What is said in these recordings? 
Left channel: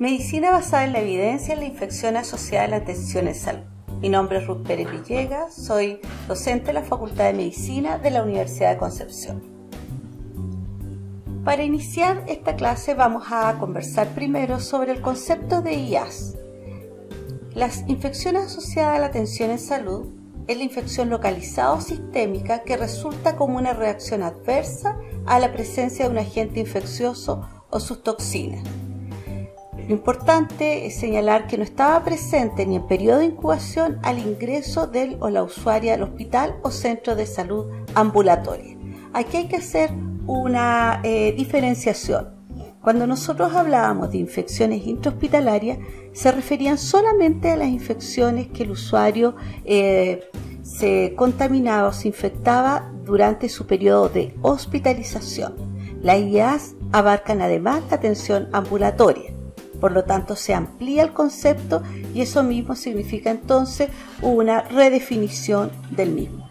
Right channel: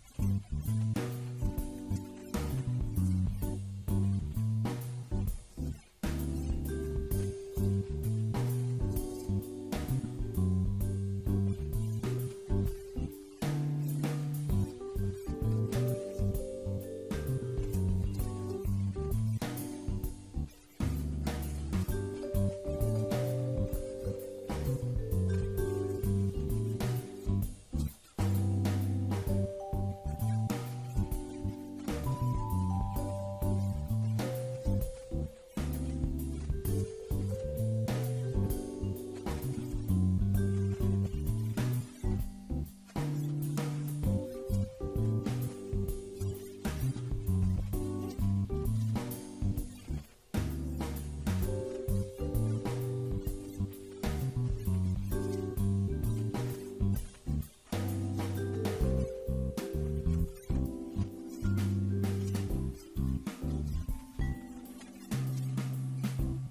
Medicina basada en la evidencia en la infección asociada a la atención en salud. Mi nombre es Ruth Pérez Villegas, soy docente de la Facultad de Medicina de la Universidad de Concepción. Para iniciar esta clase vamos a conversar primero sobre el concepto de IAS. Las infecciones asociadas a la atención en salud es la infección localizada o sistémica que resulta como una reacción adversa a la presencia de un agente infeccioso o sus toxinas. Lo importante es señalar que no estaba presente ni en periodo de incubación al ingreso del o la usuaria al hospital o centro de salud ambulatoria. Aquí hay que hacer una diferenciación. Cuando nosotros hablábamos de infecciones intrahospitalarias, se referían solamente a las infecciones que el usuario se contaminaba o se infectaba durante su periodo de hospitalización. Las IAS abarcan además la atención ambulatoria. Por lo tanto, se amplía el concepto y eso mismo significa entonces una redefinición del mismo.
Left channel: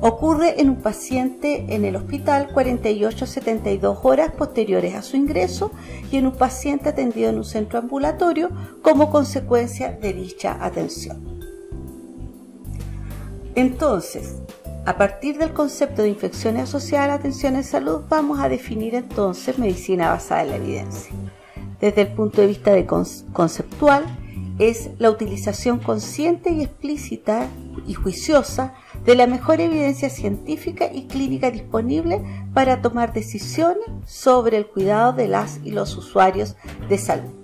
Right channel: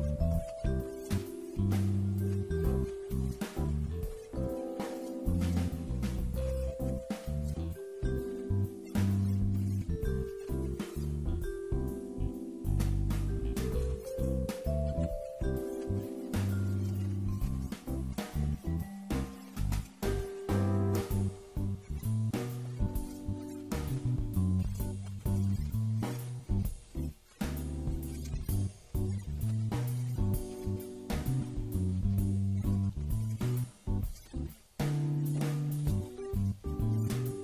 Ocurre en un paciente en el hospital 48 a 72 horas posteriores a su ingreso y en un paciente atendido en un centro ambulatorio como consecuencia de dicha atención. Entonces, a partir del concepto de infecciones asociadas a la atención en salud, vamos a definir entonces medicina basada en la evidencia. Desde el punto de vista conceptual, es la utilización consciente y explícita y juiciosa de la mejor evidencia científica y clínica disponible para tomar decisiones sobre el cuidado de las y los usuarios de salud.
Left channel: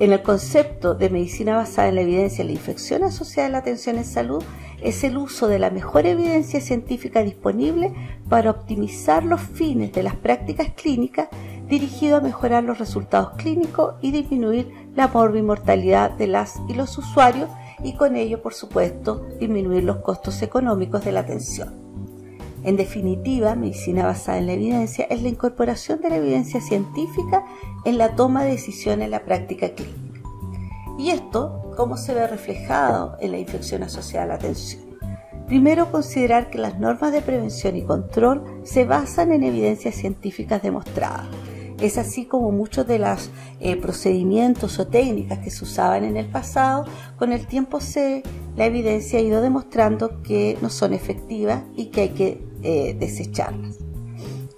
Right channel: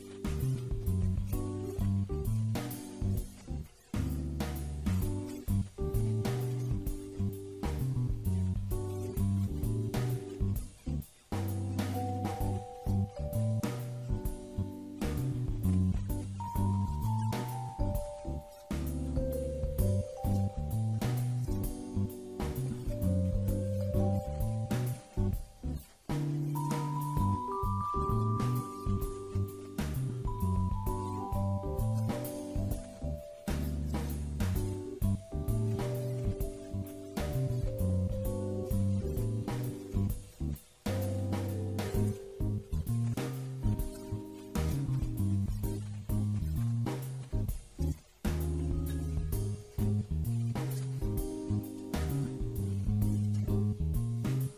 En el concepto de medicina basada en la evidencia en la infección asociada a la atención en salud, es el uso de la mejor evidencia científica disponible para optimizar los fines de las prácticas clínicas dirigido a mejorar los resultados clínicos y disminuir la morbimortalidad de las y los usuarios y con ello, por supuesto, disminuir los costos económicos de la atención. En definitiva, medicina basada en la evidencia es la incorporación de la evidencia científica en la toma de decisiones en la práctica clínica. ¿Y esto cómo se ve reflejado en la infección asociada a la atención? Primero, considerar que las normas de prevención y control se basan en evidencias científicas demostradas. Es así como muchos de los procedimientos o técnicas que se usaban en el pasado, con el tiempo la evidencia ha ido demostrando que no son efectivas y que hay que desecharlas.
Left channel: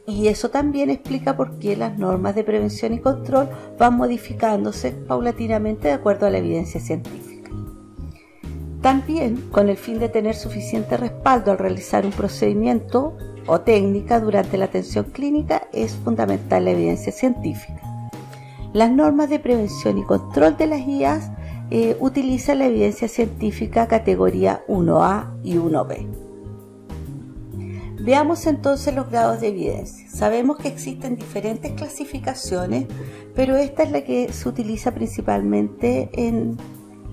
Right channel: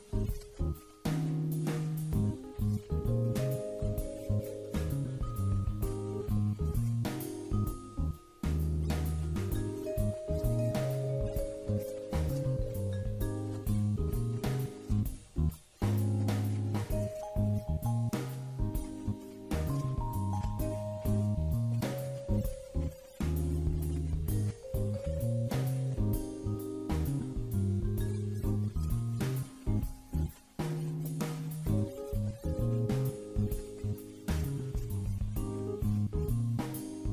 Y eso también explica por qué las normas de prevención y control van modificándose paulatinamente de acuerdo a la evidencia científica. También, con el fin de tener suficiente respaldo al realizar un procedimiento o técnica durante la atención clínica, es fundamental la evidencia científica. Las normas de prevención y control de las IAS utilizan la evidencia científica categoría 1A y 1B. Veamos entonces los grados de evidencia. Sabemos que existen diferentes clasificaciones, pero esta es la que se utiliza principalmente en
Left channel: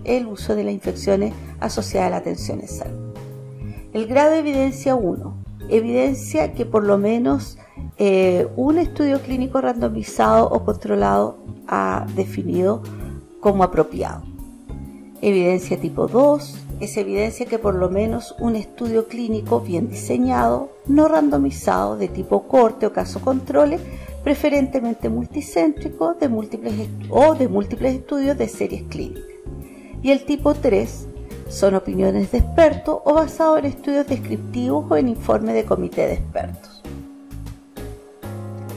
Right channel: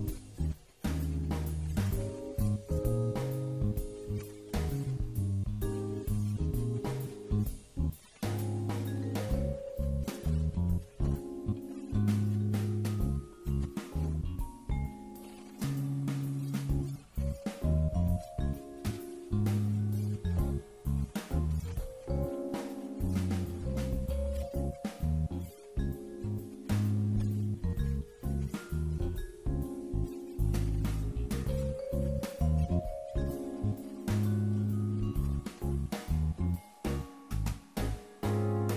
el uso de las infecciones asociadas a la atención en salud. El grado de evidencia 1, evidencia que por lo menos un estudio clínico randomizado o controlado ha definido como apropiado. Evidencia tipo 2 es evidencia que por lo menos un estudio clínico bien diseñado, no randomizado, de tipo corte o caso controle, preferentemente multicéntrico de múltiples estudios de series clínicas. Y el tipo 3 son opiniones de expertos o basados en estudios descriptivos o en informes de comité de expertos.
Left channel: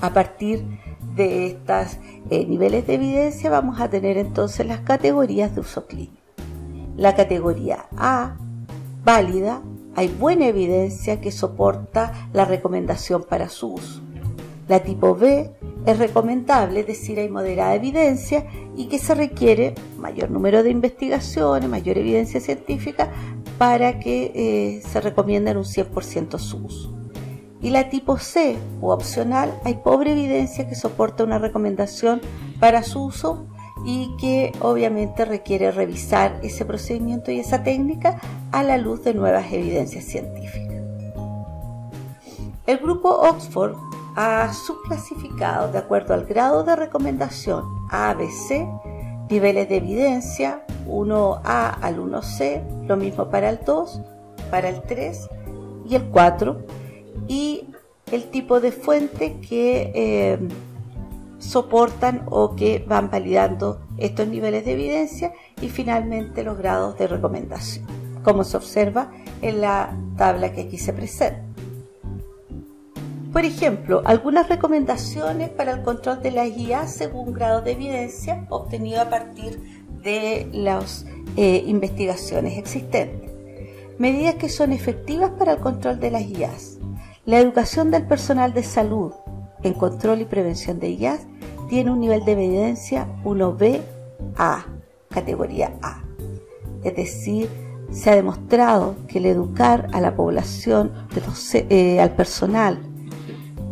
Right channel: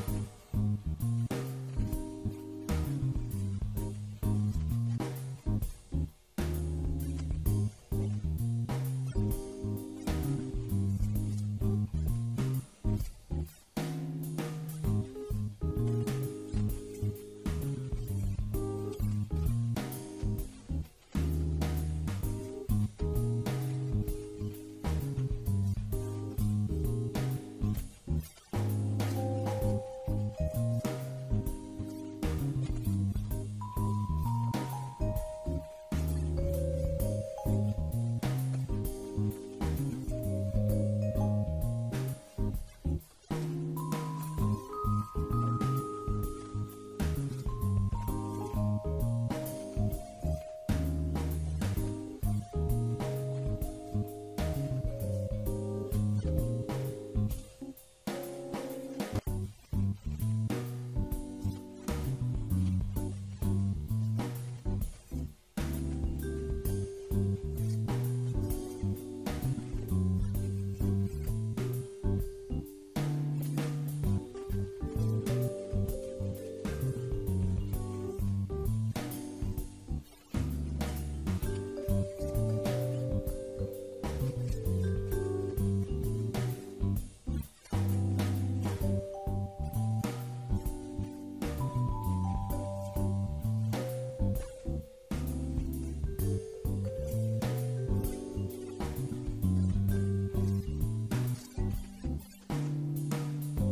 A partir de estos niveles de evidencia vamos a tener entonces las categorías de uso clínico. La categoría A, válida, hay buena evidencia que soporta la recomendación para su uso. La tipo B es recomendable, es decir, hay moderada evidencia y que se requiere mayor número de investigaciones, mayor evidencia científica para que se recomiende en un 100% su uso. Y la tipo C, o opcional, hay pobre evidencia que soporta una recomendación para su uso y que obviamente requiere revisar ese procedimiento y esa técnica a la luz de nuevas evidencias científicas. El grupo Oxford ha subclasificado de acuerdo al grado de recomendación A, B, C, niveles de evidencia 1A al 1C, lo mismo para el 2, para el 3 y el 4, y el tipo de fuente que soportan o que van validando estos niveles de evidencia y finalmente los grados de recomendación, como se observa en la tabla que aquí se presenta. Por ejemplo, algunas recomendaciones para el control de las IA según grados de evidencia obtenido a partir de las investigaciones existentes. Medidas que son efectivas para el control de las IAs. La educación del personal de salud en control y prevención de IAs tiene un nivel de evidencia 1B-A, categoría A. Es decir, se ha demostrado que el educar a la población, al personal,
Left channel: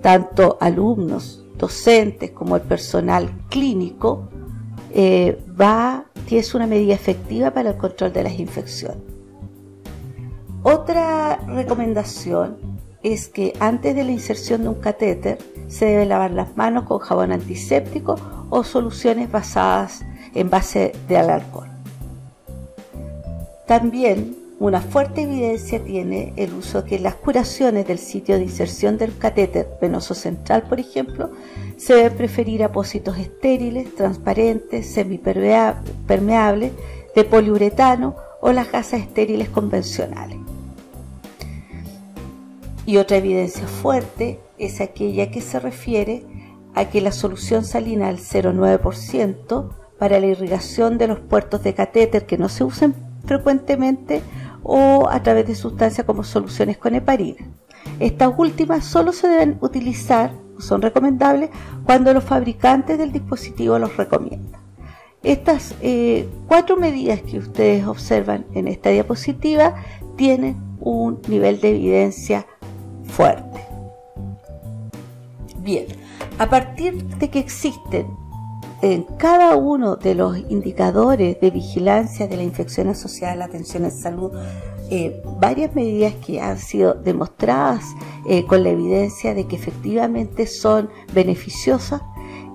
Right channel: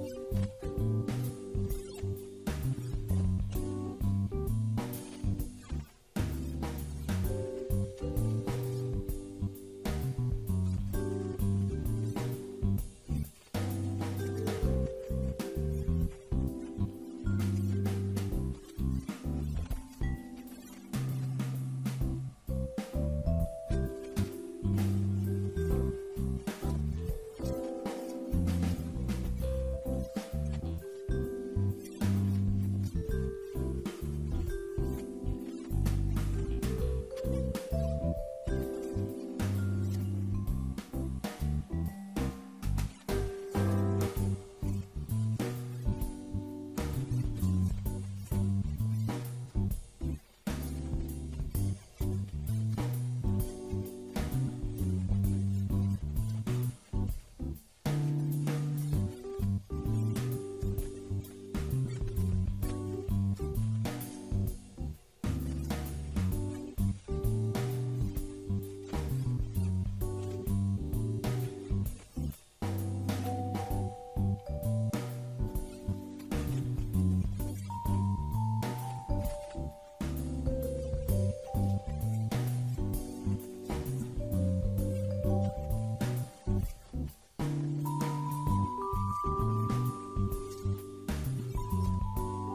tanto alumnos, docentes como el personal clínico, que es una medida efectiva para el control de las infecciones. Otra recomendación es que antes de la inserción de un catéter se debe lavar las manos con jabón antiséptico o soluciones basadas en base de alcohol. También una fuerte evidencia tiene el uso que las curaciones del sitio de inserción del catéter venoso central, por ejemplo, se debe preferir apósitos estériles, transparentes, semipermeables, de poliuretano o las gasas estériles convencionales. Y otra evidencia fuerte es aquella que se refiere a que la solución salina al 0,9% para la irrigación de los puertos de catéter que no se usen frecuentemente o a través de sustancias como soluciones con heparina. Estas últimas solo se deben utilizar, son recomendables, cuando los fabricantes del dispositivo los recomiendan. Estas 4 medidas que ustedes observan en esta diapositiva tienen un nivel de evidencia fuerte. Bien, a partir de que existen en cada uno de los indicadores de vigilancia de la infección asociada a la atención en salud, varias medidas que han sido demostradas con la evidencia de que efectivamente son beneficiosas,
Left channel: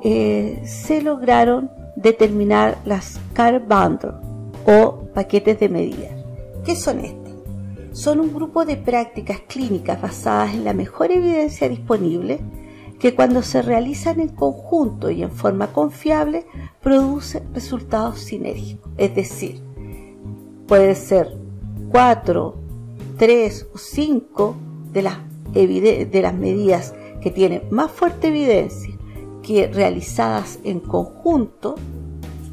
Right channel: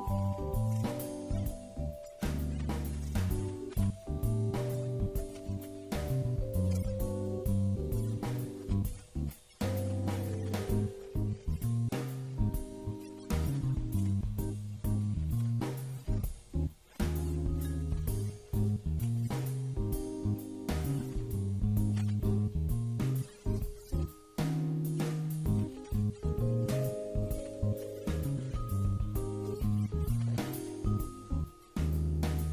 se lograron determinar las Care Bundles o paquetes de medidas. ¿Qué son estos? Son un grupo de prácticas clínicas basadas en la mejor evidencia disponible que cuando se realizan en conjunto y en forma confiable producen resultados sinérgicos. Es decir, puede ser 4, 3 o 5 de las medidas que tienen más fuerte evidencia que realizadas en conjunto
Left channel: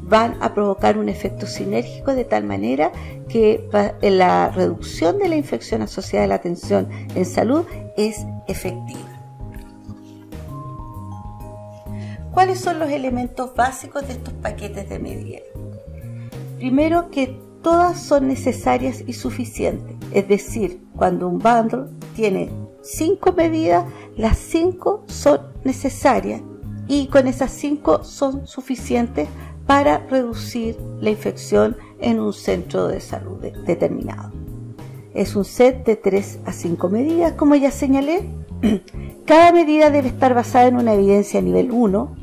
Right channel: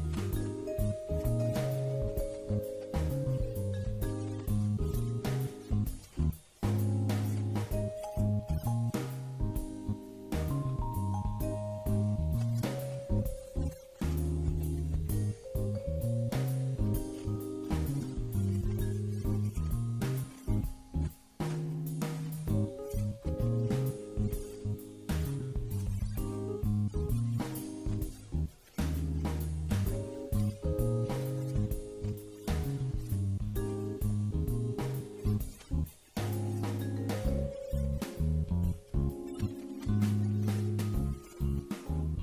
van a provocar un efecto sinérgico de tal manera que la reducción de la infección asociada a la atención en salud es efectiva. ¿Cuáles son los elementos básicos de estos paquetes de medidas? Primero, que todas son necesarias y suficientes, es decir, cuando un bundle tiene 5 medidas, las 5 son necesarias y con esas 5 son suficientes para reducir la infección en un centro de salud determinado. Es un set de 3 a 5 medidas, como ya señalé. Cada medida debe estar basada en una evidencia nivel 1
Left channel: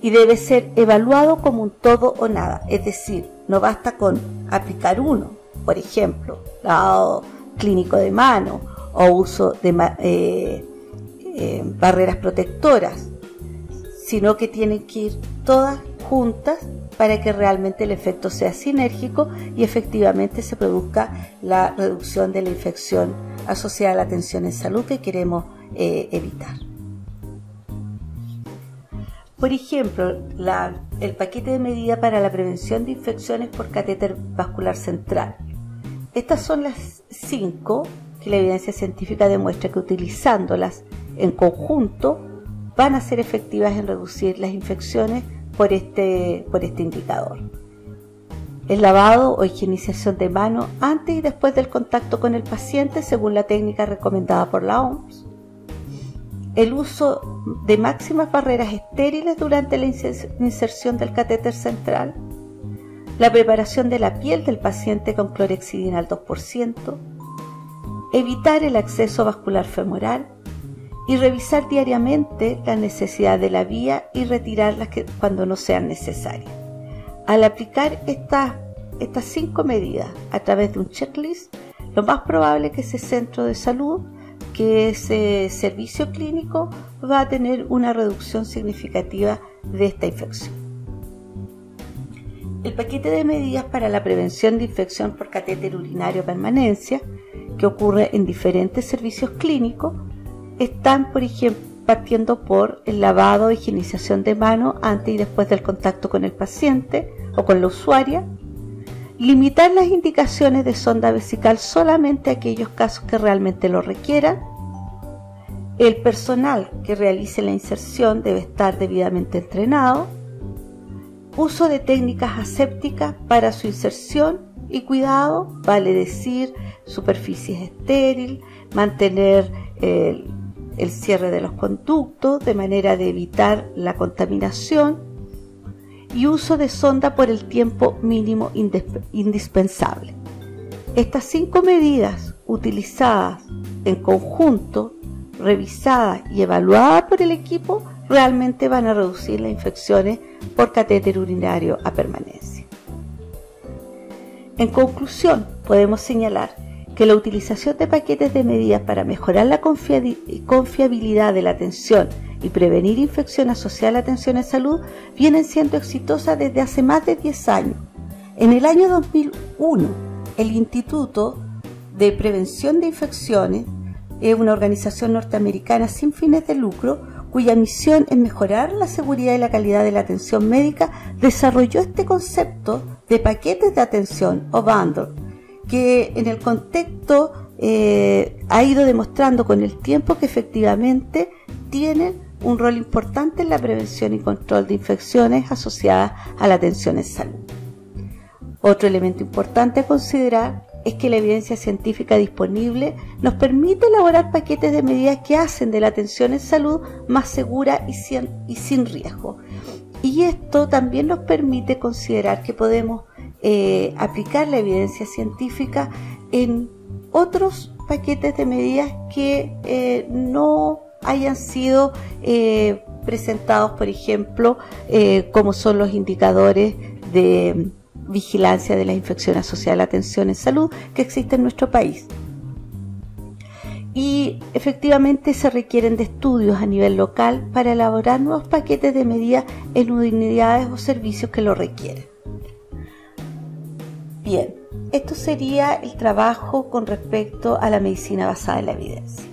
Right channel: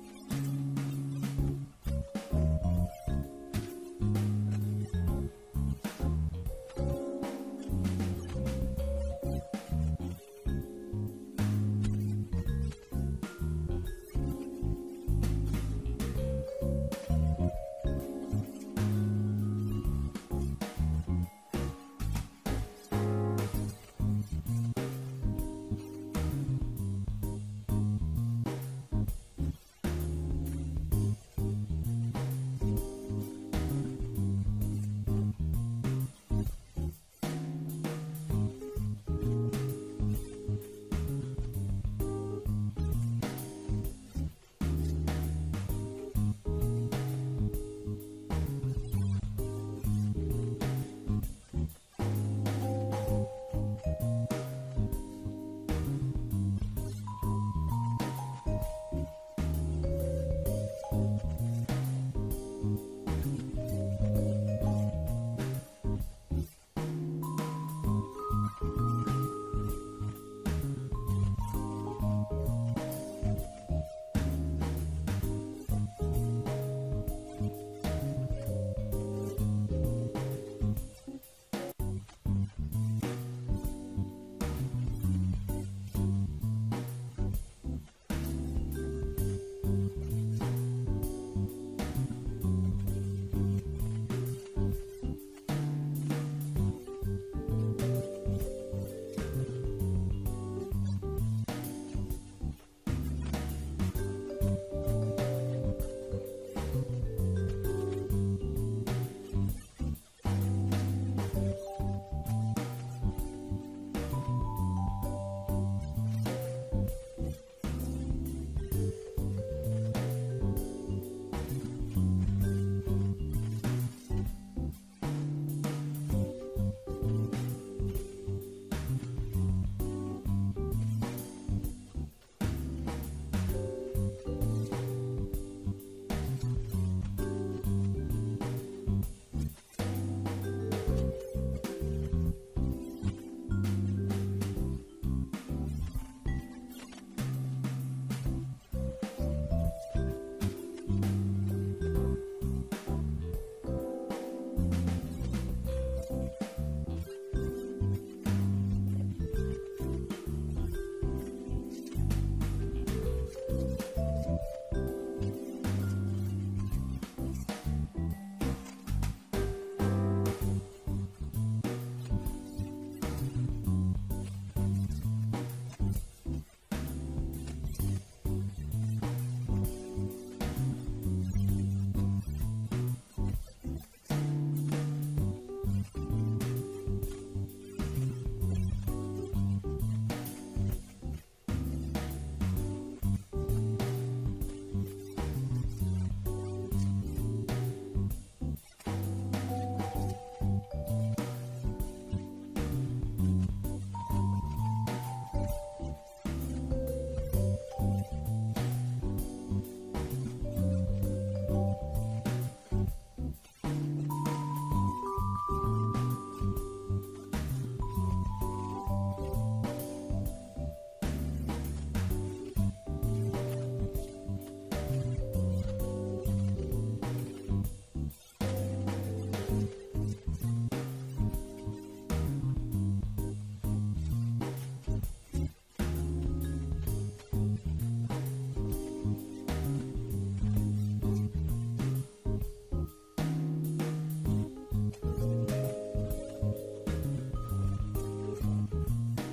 y debe ser evaluado como un todo o nada, es decir, no basta con aplicar uno, por ejemplo, lavado clínico de mano o uso de barreras protectoras, sino que tienen que ir todas juntas para que realmente el efecto sea sinérgico y efectivamente se produzca la reducción de la infección asociada a la atención en salud que queremos evitar. Por ejemplo, el paquete de medidas para la prevención de infecciones por catéter vascular central. Estas son las 5 que la evidencia científica demuestra que utilizándolas en conjunto van a ser efectivas en reducir las infecciones por este indicador. El lavado o higienización de manos antes y después del contacto con el paciente según la técnica recomendada por la OMS. El uso de máximas barreras estériles durante la inserción del catéter central. La preparación de la piel del paciente con clorhexidina al 2%. Evitar el acceso vascular femoral. Y revisar diariamente la necesidad de la vía y retirarlas cuando no sean necesarias. Al aplicar estas 5 medidas a través de un checklist, lo más probable es que ese centro de salud que ese servicio clínico va a tener una reducción significativa de esta infección. El paquete de medidas para la prevención de infección por catéter urinario a permanencia, que ocurre en diferentes servicios clínicos, están, por ejemplo, partiendo por el lavado e higienización de manos antes y después del contacto con el paciente o con la usuaria, limitar las indicaciones de sonda vesical solamente a aquellos casos que realmente lo requieran, el personal que realice la inserción debe estar debidamente entrenado, uso de técnicas asépticas para su inserción y cuidado, vale decir, superficies estériles, mantener el cierre de los conductos de manera de evitar la contaminación y uso de sonda por el tiempo mínimo indispensable. Estas 5 medidas utilizadas en conjunto, revisadas y evaluadas por el equipo, realmente van a reducir las infecciones por catéter urinario a permanencia. En conclusión, podemos señalar que la utilización de paquetes de medidas para mejorar la confiabilidad de la atención y prevenir infección asociada a la atención en salud vienen siendo exitosas desde hace más de 10 años. En el año 2001, el Instituto de Prevención de Infecciones es una organización norteamericana sin fines de lucro cuya misión es mejorar la seguridad y la calidad de la atención médica, desarrolló este concepto de paquetes de atención o bundle, que en el contexto ha ido demostrando con el tiempo que efectivamente tienen un rol importante en la prevención y control de infecciones asociadas a la atención en salud. Otro elemento importante a considerar es que la evidencia científica disponible nos permite elaborar paquetes de medidas que hacen de la atención en salud más segura y sin riesgo. Y esto también nos permite considerar que podemos aplicar la evidencia científica en otros paquetes de medidas que no hayan sido presentados, por ejemplo, como son los indicadores de vigilancia de la infección asociada a la atención en salud que existe en nuestro país. Y efectivamente se requieren de estudios a nivel local para elaborar nuevos paquetes de medidas en unidades o servicios que lo requieren. Bien, esto sería el trabajo con respecto a la medicina basada en la evidencia.